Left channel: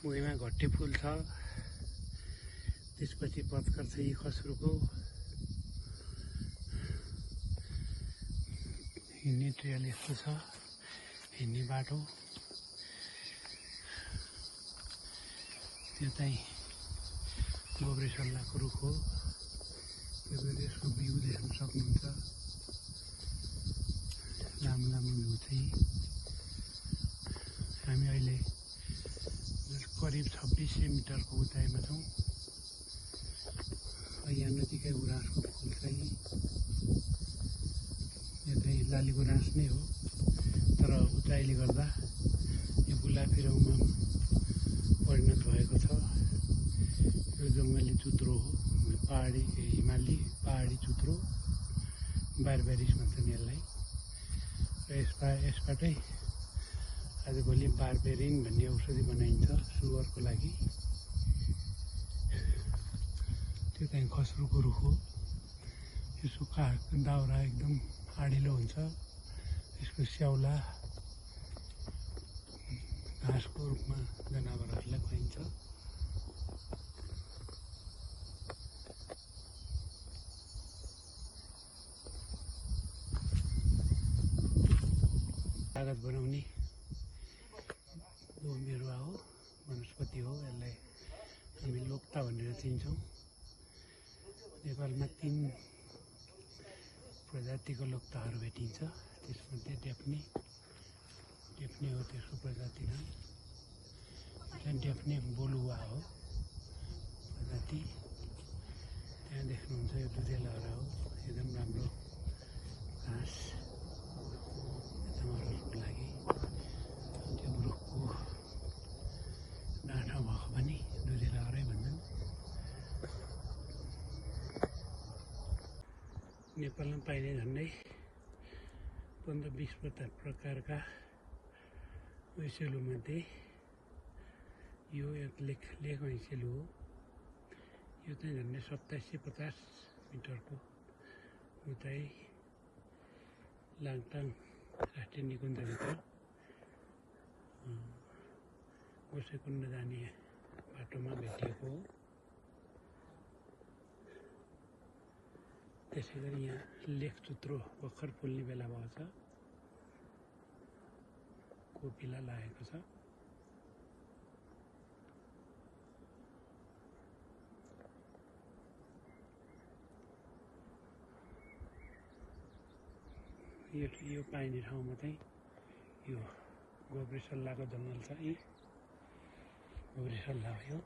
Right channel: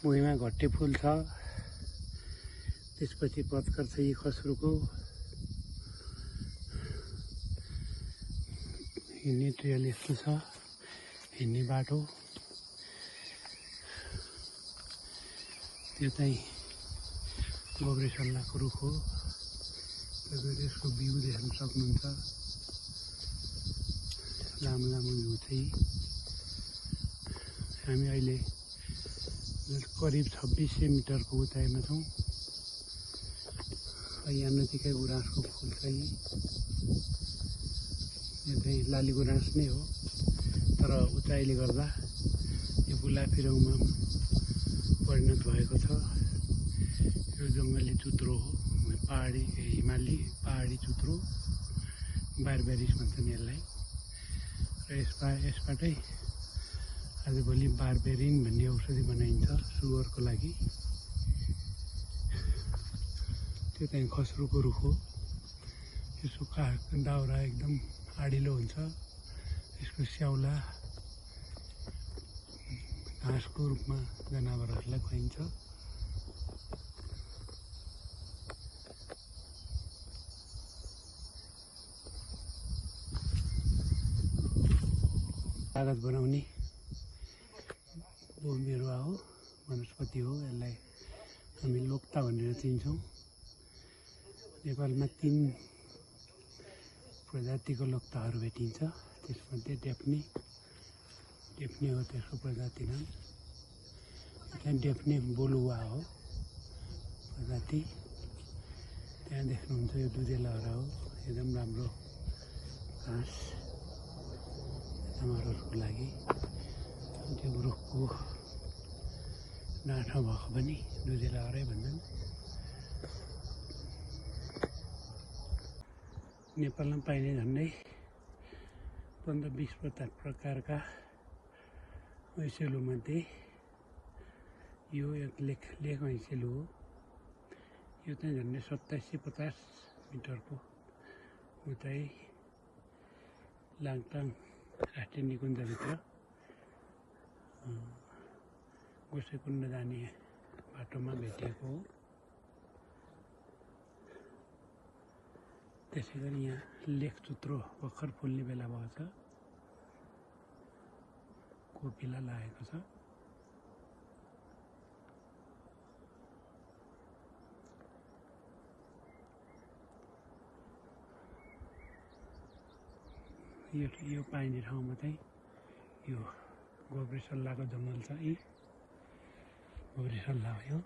भुइँमा घट्टे फुल छ। त्यसपछि पत्कर छ यी खस्रोको। हिँड्ने ट्रेल यस्तो छ, हिँड्ने बाटो। यो चाहिँ गोब्रेसल्लाको रुख हो। यसको भ्यू देख्न सक्नुहुन्छ। लामो लामो भ्यू चाहिँ हामी अहिले करिब 2600 मिटरको उचाइमा छौँ। यहाँ नजिकै गुराँसको फुल छ। यो चाहिँ लाली गुराँस नै हो, तर उचाइले गर्दा यो बुलाफिरौँमा परिणत भएको छ। यो जङ्गली चुत्रो हो, पहाडी हिमाली पहाडी चुत्रो, बारबेरिस भन्छन् यसलाई। र यसबाटै आजभोलि बारबेरिन भन्ने औषधि बनाइन्छ सुगरको लागि। त्यो चाहिँ खस्रोको रुख हो। यसको दाउरा एकदम आडिलो हुन्छ। यसको स्याउला घाँसको रूपमा जनावरहरूलाई खुवाइन्छ। कागज बनाउने बिरुवा हो, वनस्पति हो। यसलाई हामी लोक्ता भनेर चिन्छौँ। नेपालमा 3 प्रजातिको लोक्ताहरू भेटिन्छ। त्यसमध्ये डेफ्ने हो त्यसको प्रजाति नाम। डेफ्ने बोलुवा हो प्रजाति। त्यहाँ देख्नुहुन्छ यो दुधेलहरा हो। एकदम राम्रो घाँस जनावरहरूको लागि। त्यो रुखको डाँठा भएको पनि दुधेलहरै भन्छन्। नेपालमा पाइने झन्डै 15-20 प्रकारका ऐसेलुमध्ये यो एक लेख ऐसेलु हो। यो चाहिँ झन्डै 2750 मिटरको उचाइ लाङटाङ राष्ट्रिय निकुञ्जभित्र गोसेकुण्ड जाने बाटोमा भेटिएको हो। त्यसै गरी यहाँ लेखचुत्रो भर्खर फुल्ने बेला भएको छ। कोपिला लागेको छ। यो पाइने ठाउँमा चाहिँ यो गोब्रेसल्लाको जङ्गल छ। गोब्रेसल्ला हो यो।